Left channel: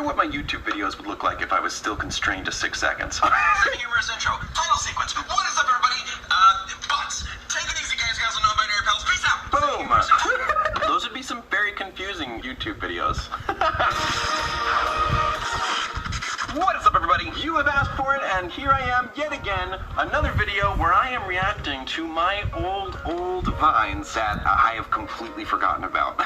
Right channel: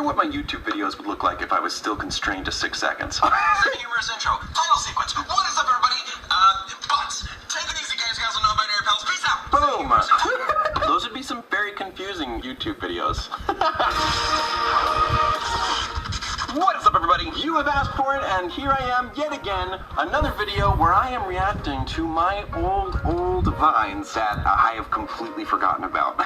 wonder what my YouTube videos would look like if I was still constrained to 6 seconds. Humorous intro. Title sequence. What is up, everybody? Boss. Take it easy, guys, gals, and non-binary pals. Peace out. Boom! Those would be some very confusing YouTube videos. What is up, everybody? You have asked for it, and here I am yet again. Another video where I am reacting to my old vines that I have completely forgotten about.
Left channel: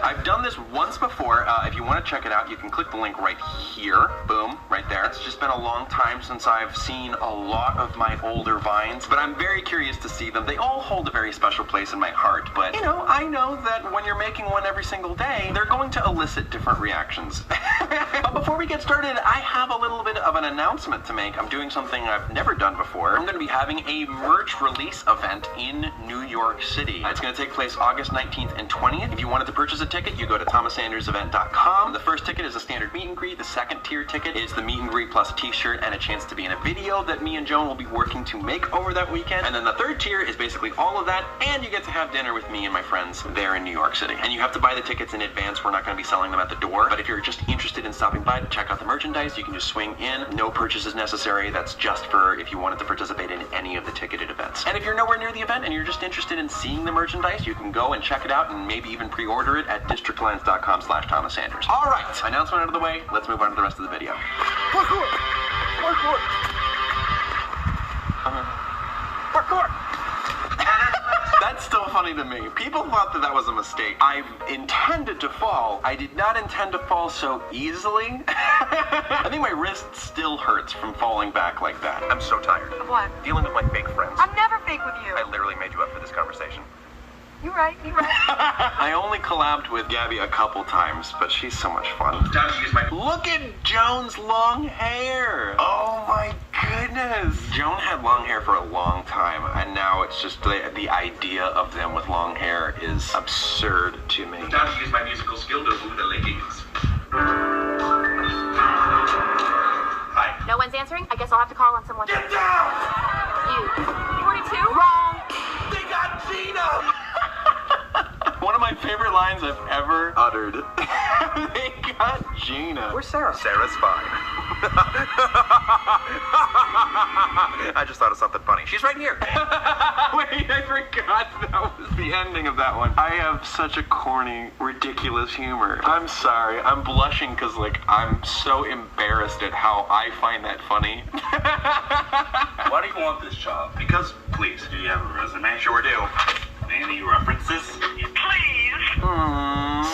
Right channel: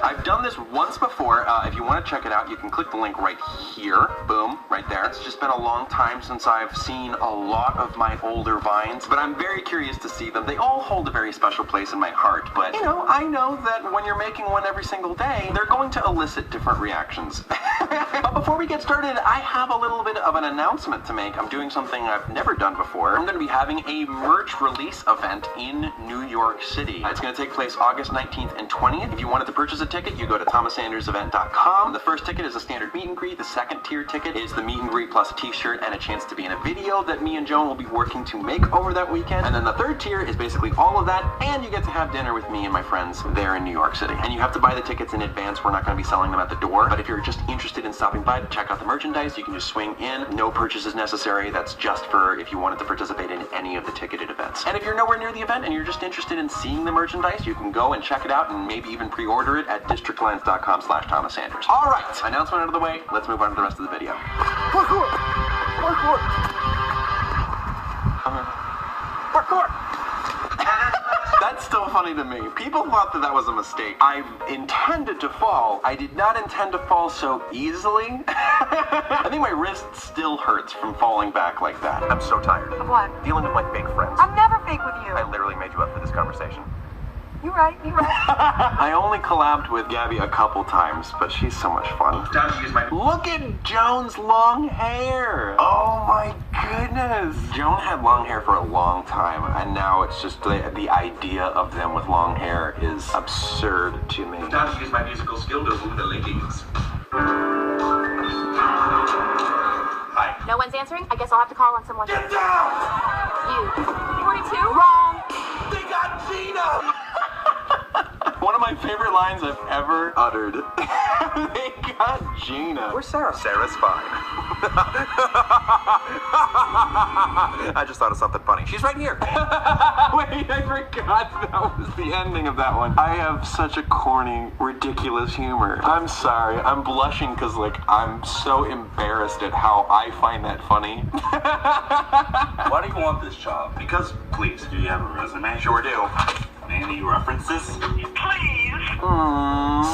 I've done this once before. If you want to check it out, you can click the link right here. Boom, right there. It's just been a long time since I've seen a lot of my older vines, but I'm very curious to see them. They all hold a very special place in my heart, but, you know, I know that when you're making one every single day, they're going to elicit different reactions. But before we get started, I have a little bit of an announcement to make. I'm doing something I've never done before. I'm going to be having a merch release event in New York City. It's going to take place August 19th and 20th. If you wanted to purchase a ticket, you go to thomasandersevent.com. The first ticket is a standard meet and greet. The second tier ticket is the meet and greet plus a t-shirt and a chance to be in a video that me and Joan will be working to make over that weekend. And then the third tier is basically all of that, and you get to have dinner with me and my friends there in New York City. And you have to buy the tickets in advance. We're not going to be selling them at the door, but if you're just interested in stopping by to check out the merchandise, you can just swing in. No purchase is necessary. That's just for if you wanted to participate in any of the ticketed events. And if you're nowhere near the event and you're just interested in seeing the merchandise, you can go and check it out and maybe even pre-order it at districtlines.com/ThomasSanders. All right, announcement out of the way. Let's move on to the rest of the video. Parkour! Parkour! Parkour! That's still funny to me. People thought that was a mistake. I intended to fall. I did not intend to fall so easily. I think my wrist still hurts from falling back like that. I'm so tired. Of what? Dealing with my fake friends. I'm never fake with you. I literally made you up for this conversation. You're right, you're right. I only collabed with Gabby a couple times, but she's so much fun. Look at Joan's long hair. Oh my goodness. Joan had long hair for a long time, and now it's just the idea of them with long hair is absurd to me. Time to use my musical skill to woo the ladies. Hi. No one's answering? I guess I'll have to call on someone. Get down! You. 42? Wrong. They got Gina! One of my favorite lines I've ever uttered. They got Gina. Where's Sarah? Sarah's fine. I just thought of something funny. She's right here. Wait, I forgot that was the ending of that one. I have such a corny, ridiculous humor. I'm sorry. I'm blushing because, like, I'm so embarrassed at how I find that funny. Why do you want this job? Because, please, do you have a resume? Sure do. Any references? Please.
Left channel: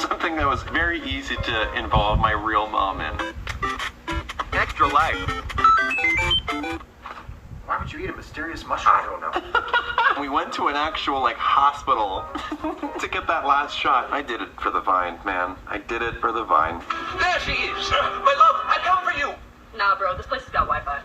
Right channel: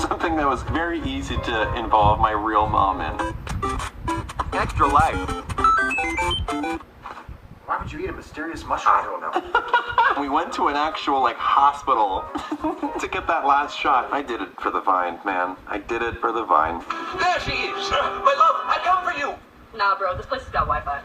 Something that was very easy to involve my real mom in. Extra life. Why would you eat a mysterious mushroom? I don't know. We went to an actual, like, hospital to get that last shot. I did it for the vine, man. I did it for the vine. There she is! My love, I come for you! Nah, bro, this place has got Wi-Fi.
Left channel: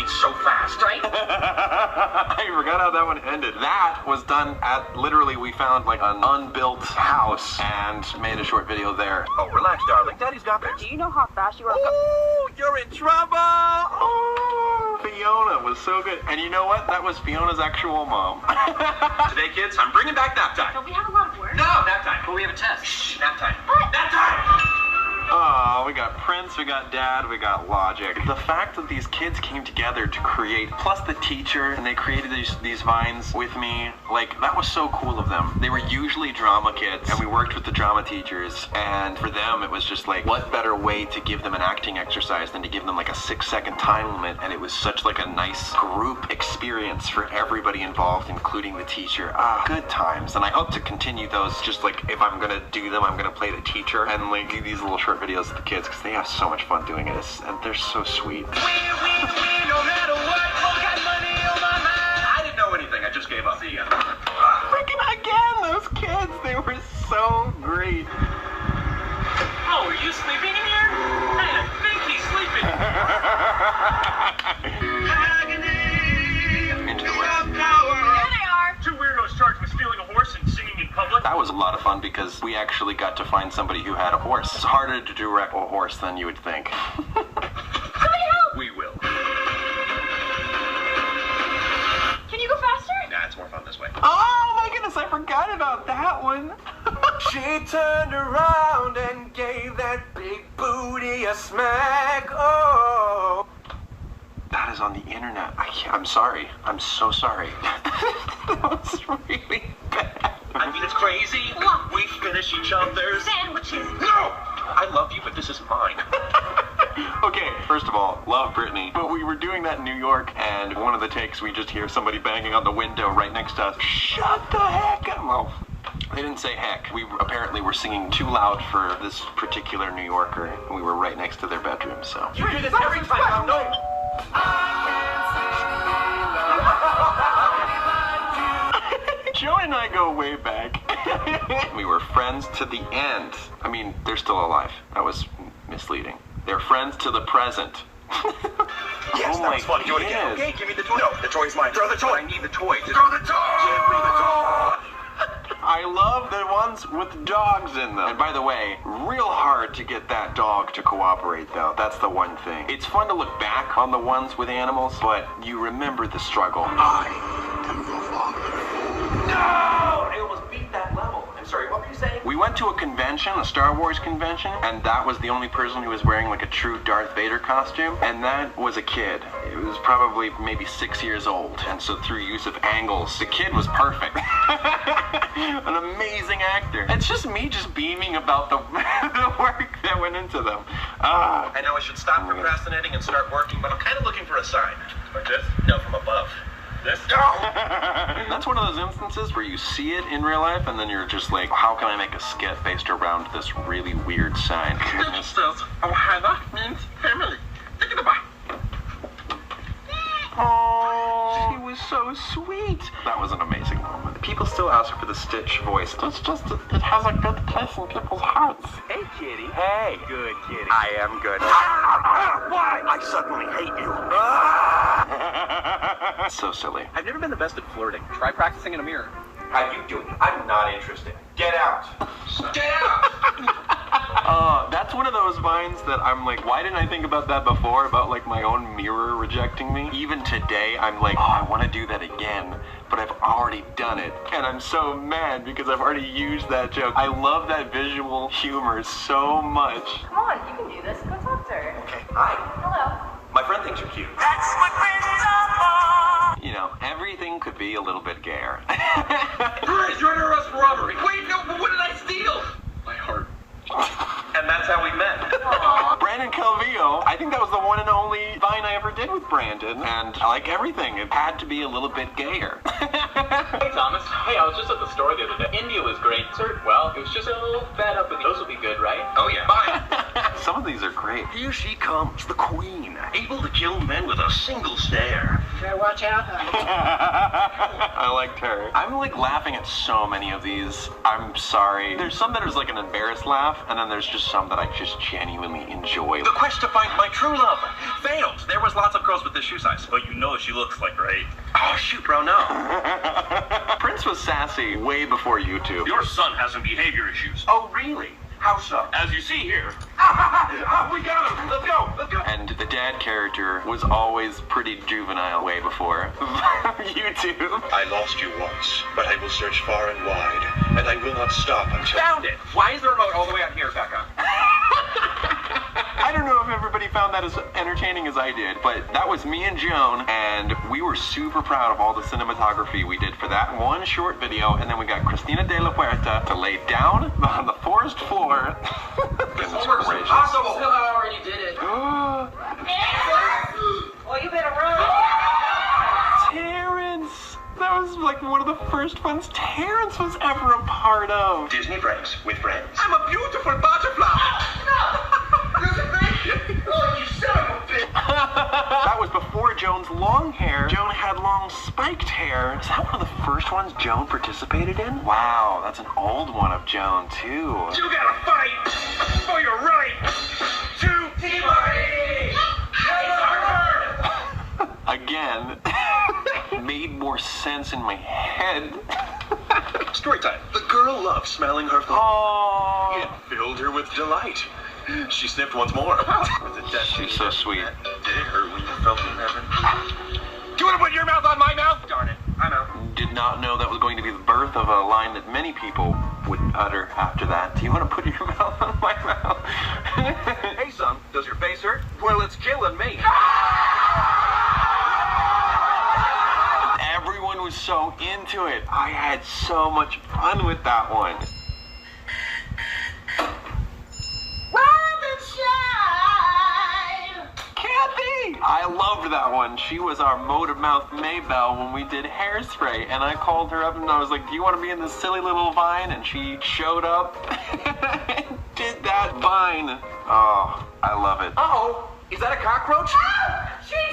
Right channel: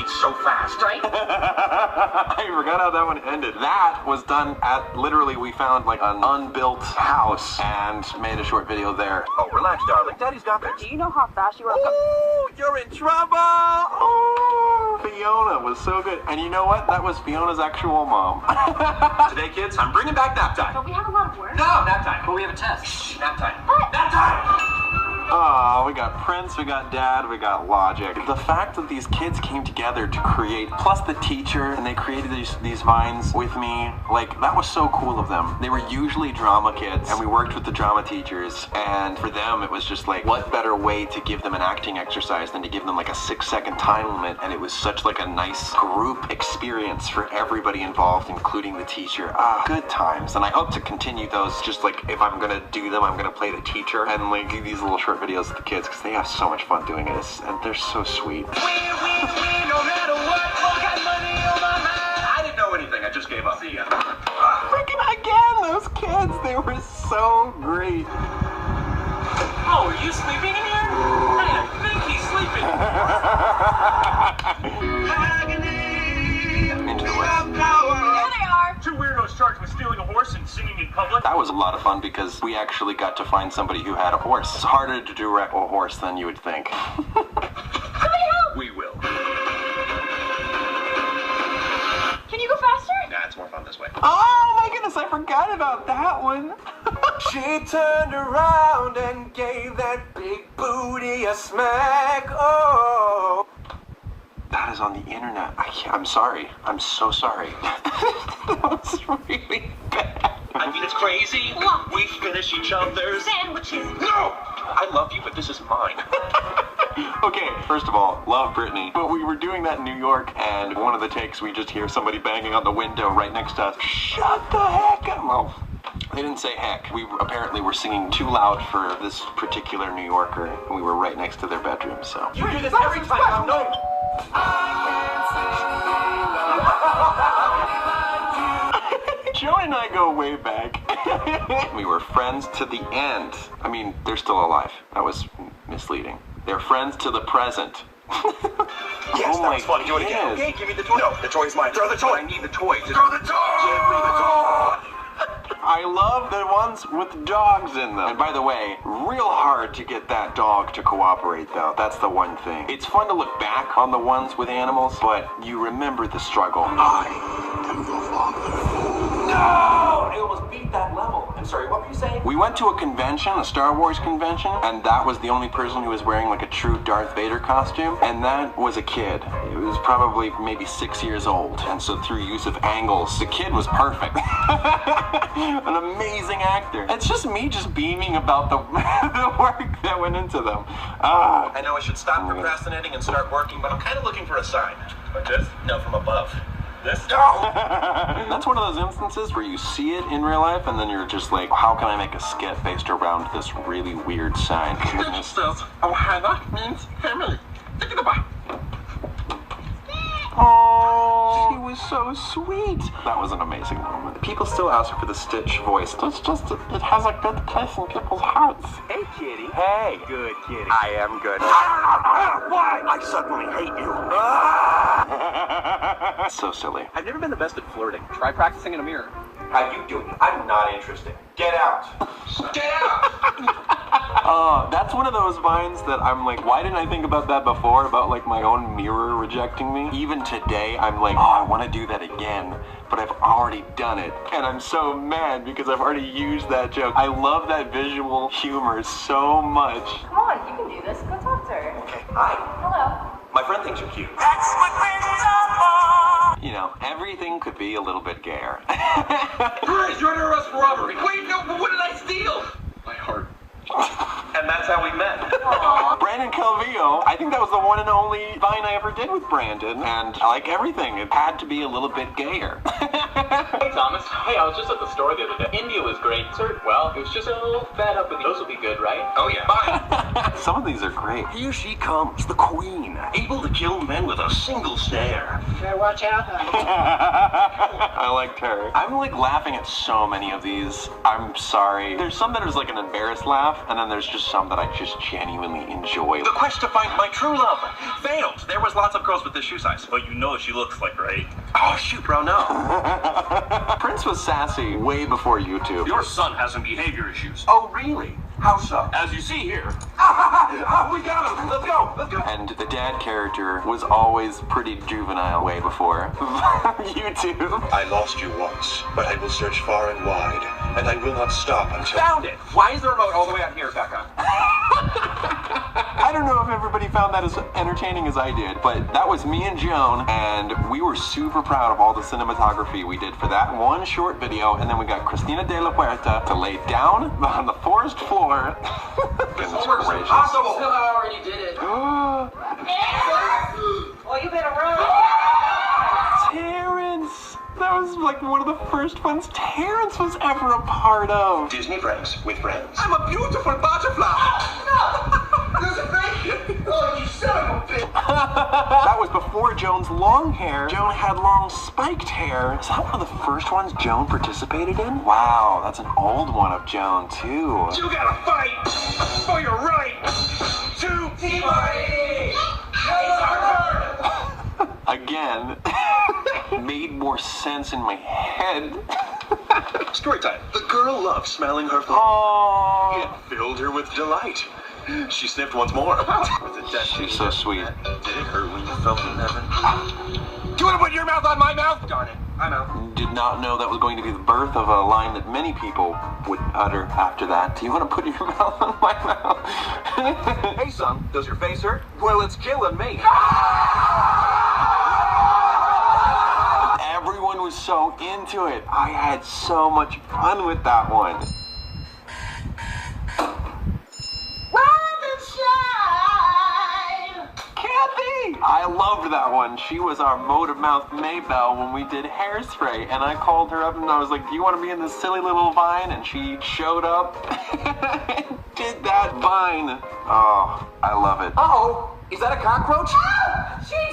It's so fast. Right? I forgot how that one ended. That was done at, literally, we found, like, an unbuilt house and made a short video there. Oh, relax, darling. Daddy's got this. Do you know how fast you are? Ooh, you're in trouble! Oh, Fiona was so good. And you know what? That was Fiona's actual mom. Today, kids, I'm bringing back nap time. Don't we have a lot of work? No, nap time. But we have a test. Shh, nap time. What? Nap time! Oh, we got Prince, we got Dad, we got Logic. The fact that these kids came together to create, plus the teacher, and they created these vines with me, like, that was so cool of them. They were usually drama kids, and we worked with the drama teachers, and for them, it was just like, what better way to give them an acting exercise than to give them like a 6-second time limit, and it was such like a nice group experience for everybody involved, including the teacher. Ah, good times. And I hope to continue those, just like, if I'm gonna do them, I'm gonna play the teacher, and like do these little short videos with the kids, because they have so much fun doing it, and they're so sweet. No matter what, got money on my mind. I didn't know anything, I just gave up. See ya. Freaking again, those kids, they were so great. Oh, are you sleeping in here? I think he's sleeping. Into the West. There they are. Two weirdos charged with stealing a horse and singing in public. That was a lot of fun because we actually got to find somebody who had a horse. It's harder to direct a horse than you would think. We will. Can you go faster? Nah, it's more fun this way. Oh my goodness, I forgot about that one. She turned around and gave that big booty a smack. Oh. That is on the internet. I'm sorry. I'm so sorry. That was really bad. I mean, it's crazy. We finish each other's Sandwiches. No! I love you, but this is mine. Okay, first of all, love Britney. But we were doing that in New York, and one of the takes, we just hear somebody banging on the window right next to us. Shut the heck up. Well, they didn't say heck. We apparently were singing too loud for this particular New Yorker, and we were right next to their bedroom, so. You do this every time, I know. Joe and I go way back. We were friends to the end. I mean, they're still alive. That was misleading. They're friends to the present. Yes, that was fun. Do it again. Okay, give me the toy. No, the toy's mine. Throw the toy. I need the toy. Throw the toy. Give me the toy. I love the ones with dogs in them. And by the way, real hard to get that dog to cooperate, though. That's the one thing. It's fun to look back on the ones with animals, but you remember the struggle. I am the father. No! I almost beat that level. I'm sorry, what were you saying? We went to a convention, a Star Wars convention, and that was the only person who was wearing like a true Darth Vader costume, and that was a kid. It was probably maybe 6 years old, and so through use of angles, the kid was perfect. An amazing actor. It's just me just beaming about the, the work that went into them. I know I should stop procrastinating and start working, but I'm kind of looking for a sign. Like this? No, from above. This? No! That's one of those instances where you see it in real life, and then you're just like, how can I make a skit based around this really weird sign? It says, Ohana means family. Think about it. Oh, she was so sweet. That was an amazing moment. People still ask her for the Stitch voice. It's just, it has a good place in people's hearts. Hey, kitty. Hey. Good kitty. I am good. Why? I suddenly hate you. So silly. I've never been the best at flirting. Try practicing in a mirror. How you doing? I'm not interested. Get out. Get out. That's one of those vines that I'm like, why didn't I think about that before? About like my own mirror rejecting me? Even today, I'm like, oh, I want to do that again, but I've already done it. And I'm so mad because I've already used that joke. I love that visual humor so much. Come on, you can do this. Go talk to her. Okay. Hi. Hello. My friend thinks you're cute. That's what friends are for. You know, everything could be a little bit gayer. Guys, you're under arrest for robbery. Wait, no, but what did I steal? My heart. And that's how we met. Aww. Brandon Calvillo, I think that was the one and only Vine I ever did with Brandon, and like everything, it had to be a little bit gayer. Hey, Thomas. Hey, I was just at the store the other day. India was great. Sir, well, it was just a little fed up with you. Those will be good, right? Oh, yeah. Bye. Some of these are great. Here she comes, the queen, able to kill men with a single stare. Better watch out, honey. I liked her. I'm like laughing at so many of these. I'm sorry. There's some that is like an embarrassed laugh, and then there's just some that I just genuinely enjoy. The quest to find my true love failed. There was lots of girls with this shoe size. But you know she looks like, right? Oh, shoot, bro, no. Prince was sassy way before YouTube. Your son has some behavior issues. Oh, really? How so? As you see here. We got him. Let's go. Let's go. And the dad character was always pretty juvenile way before YouTube. I lost you once, but I will search far and wide, and I will not stop until... Found it. Why is the remote all the way out here, Becca? I don't know if everybody found that as entertaining as I did, but that was me and Joan, and we were super proud of all the cinematography we did for that one short video, and then we got Cristina de la Puerta to lay down on the forest floor. Goodness gracious. Impossible. I already did it. Well, you better run. Terrence! That was like one of the first ones Terrence was ever a part of. Disney Friends with friends. I'm a beautiful butterfly! Oh, you son of a bitch. That was before Joan's long hair. Joan had long spiked hair. Is that one of the first ones Joan participated in? Wow, that's an old one of Joan, too. You gotta fight for your right to T-Body. Again, made more sense in my head. Story time. The girl loved smelling her phone. Oh, It filled her with delight. She sniffed once more. With a destiny. she's so sweet. Did it hurt when you felt in heaven? Do you want to put your mouth on my mouth? Darn it. I'm out. Did not know that was going to be the birth of a line that many people would utter after that. Do you want to put your mouth on my mouth? Hey, son, does your face hurt? Well, it's killing me. Everyone was so into it. I had so much fun with that one. Kathy! I loved that one. She was our motor mouth Maybelle when we did Hairspray, and I called her up and I was like, do you want to be in this silly little vine? And she showed up and did that vine. Oh, I love it. Uh-oh. Is that a cockroach?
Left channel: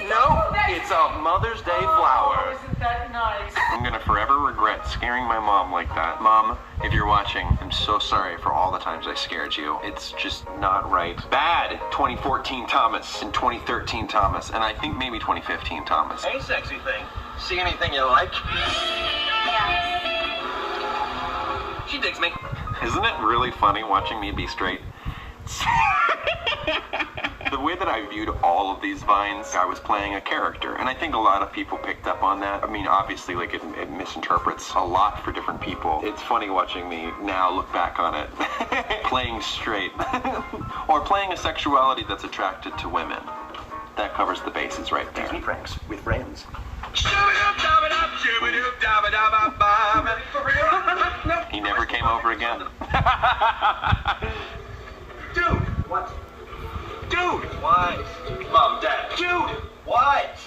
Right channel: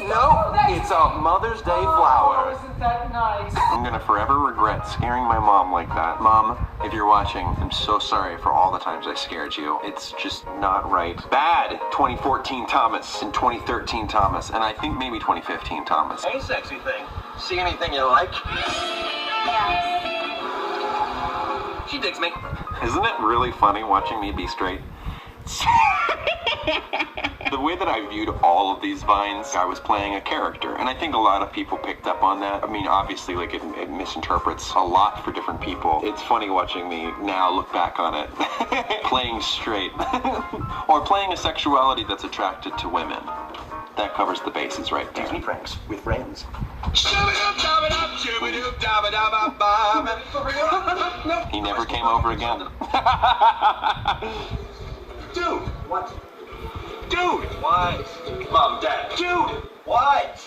No, it's a Mother's Day flower. Isn't that nice? I'm gonna forever regret scaring my mom like that. Mom, if you're watching, I'm so sorry for all the times I scared you. It's just not right. Bad 2014 Thomas and 2013 Thomas, and I think maybe 2015 Thomas. Hey, sexy thing. See anything you like? She digs me. Isn't it really funny watching me be straight? The way that I viewed all of these vines, I was playing a character, and I think a lot of people picked up on that. I mean, obviously, like, it misinterprets a lot for different people. It's funny watching me now look back on it. Playing straight. Or playing a sexuality that's attracted to women. That covers the bases right there. Disney pranks with friends. He never came over again. Dude! What? Dude! What? Mom, Dad. Dude! What?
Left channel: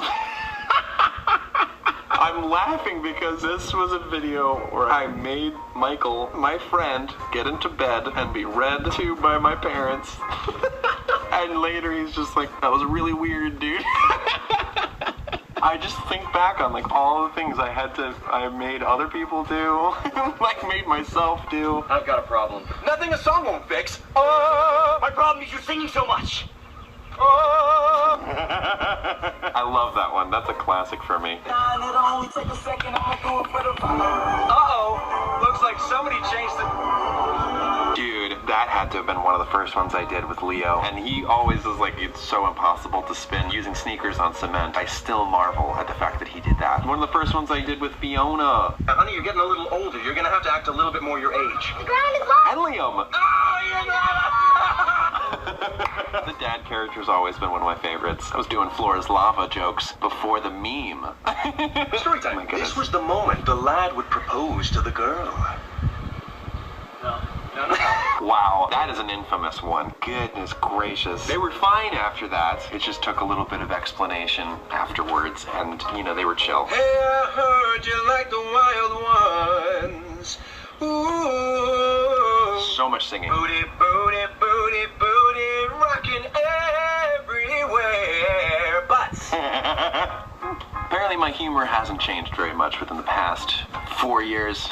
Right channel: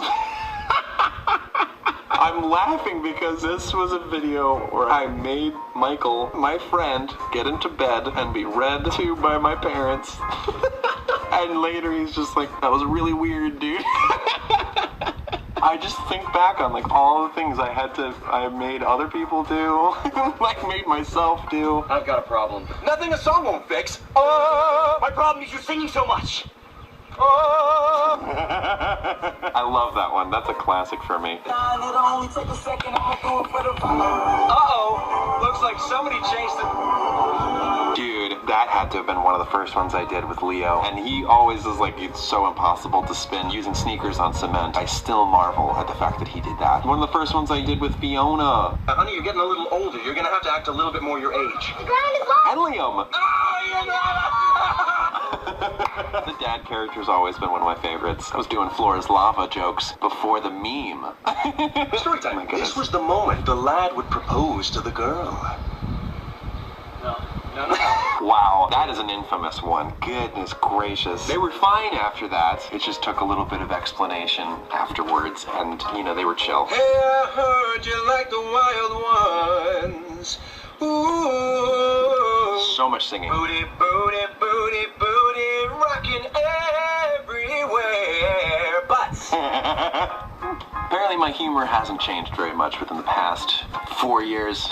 I'm laughing because this was a video where I made Michael, my friend, get into bed and be read to by my parents. And later he's just like, that was really weird, dude. I just think back on like all the things I made other people do, like made myself do. I've got a problem. Nothing a song won't fix. Oh, my problem is you singing so much. Oh. I love that one. That's a classic for me. Uh-oh. Looks like somebody changed the... Dude, that had to have been one of the first ones I did with Leo. And he always is like, it's so impossible to spin using sneakers on cement. I still marvel at the fact that he did that. One of the first ones I did with Fiona. Now, honey, you're getting a little older. You're gonna have to act a little bit more your age. And Liam. The dad character's always been one of my favorites. I was doing Flora's Lava jokes before the meme. Story time. Oh my goodness. This was the moment the lad would propose to the girl. No. Wow, that is an infamous one. Goodness gracious. They were fine after that. It just took a little bit of explanation afterwards, and, you know, they were chill. Hey, I heard you like the wild ones. Ooh. So much singing. Booty, booty, booty, booty, rocking everywhere. Butts. Apparently my humor hasn't changed very much within the past 4 years.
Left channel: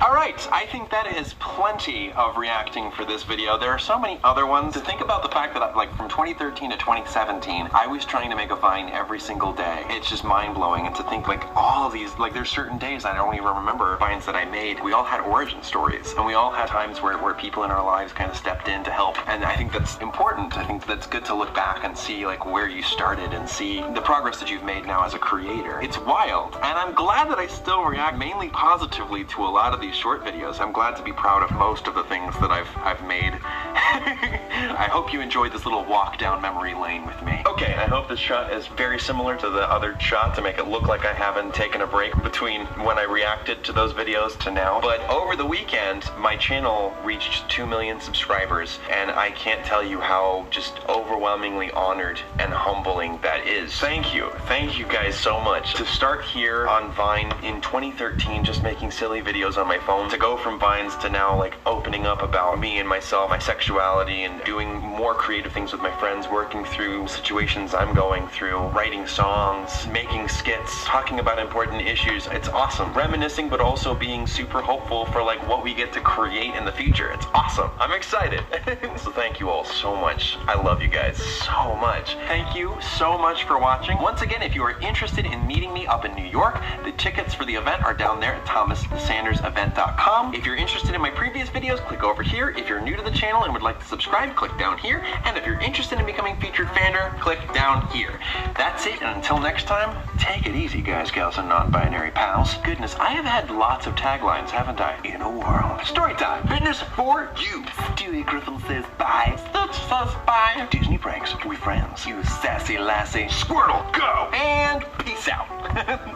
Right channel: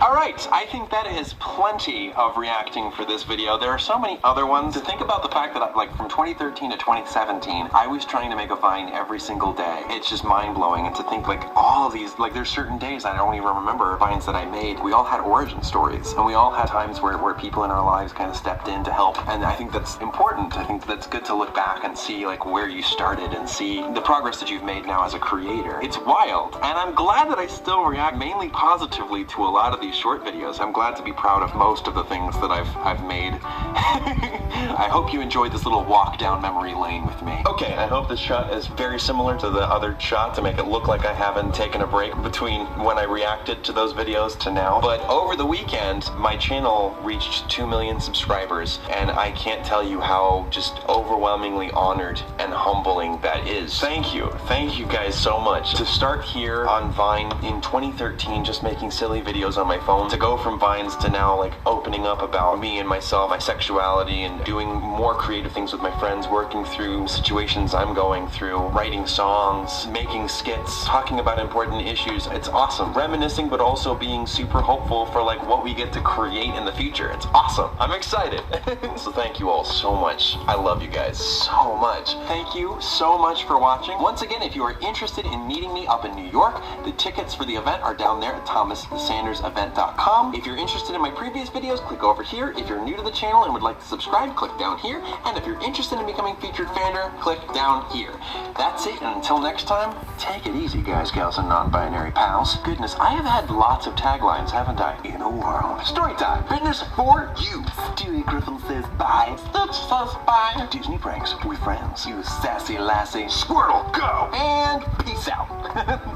Alright, I think that is plenty of reacting for this video. There are so many other ones. To think about the fact that, like, from 2013 to 2017, I was trying to make a Vine every single day. It's just mind-blowing. And to think, like, all of these, like, there's certain days I don't even remember Vines that I made. We all had origin stories. And we all had times where people in our lives kind of stepped in to help. And I think that's important. I think that's good to look back and see, like, where you started and see the progress that you've made now as a creator. It's wild. And I'm glad that I still react mainly positively to a lot of these short videos. I'm glad to be proud of most of the things that I've made. I hope you enjoyed this little walk down memory lane with me. Okay, I hope this shot is very similar to the other shot to make it look like I haven't taken a break between when I reacted to those videos to now. But over the weekend, my channel reached 2 million subscribers, and I can't tell you how just overwhelmingly honored and humbling that is. Thank you. Thank you guys so much. To start here on Vine in 2013, just making silly videos on my phone, to go from Vines to now, like, opening up about me and myself, my sexuality, and doing more creative things with my friends, working through situations I'm going through, writing songs, making skits, talking about important issues. It's awesome. Reminiscing, but also being super hopeful for, like, what we get to create in the future. It's awesome. I'm excited. So thank you all so much. I love you guys so much. Thank you so much for watching. Once again, if you are interested in meeting me up in New York, the tickets for the event are down there at thomassanders.events.com. fitnessevent.com. If you're interested in my previous videos, click over here. If you're new to the channel and would like to subscribe, click down here. And if you're interested in becoming featured fander, click down here. That's it, and until next time, take it easy, guys, gals, and non-binary pals. Goodness, I have had lots of taglines, haven't I? In a world. Story time. Fitness for you. Stewie Griffin says bye. Stitch says bye. Disney pranks with friends. You sassy lassie. Squirtle, go! And peace out.